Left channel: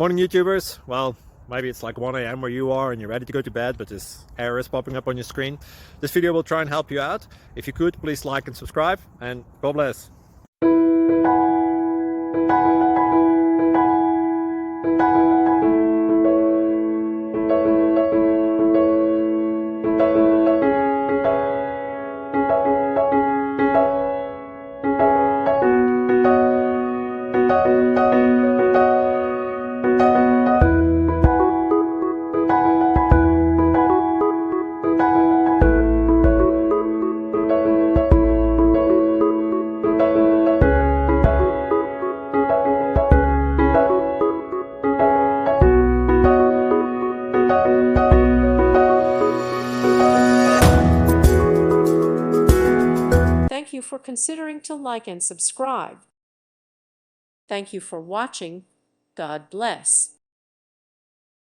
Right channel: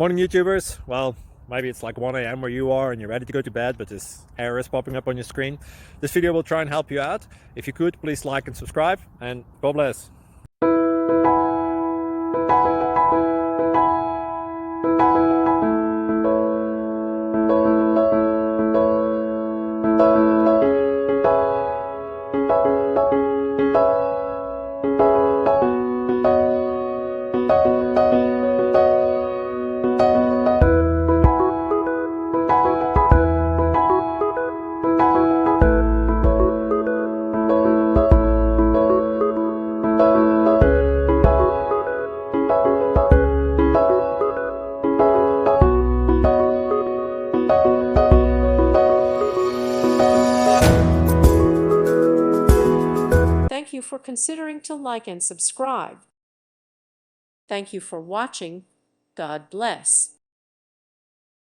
Morning YouTubers. Well, maybe it's like 1 a.m. where you are and you're ready to go to bed, but this error is popping up on your screen. This video will try and help you out. If you could, please like and subscribe, and God bless. Thank you for considering to like and subscribe. Thank you for watching. God bless.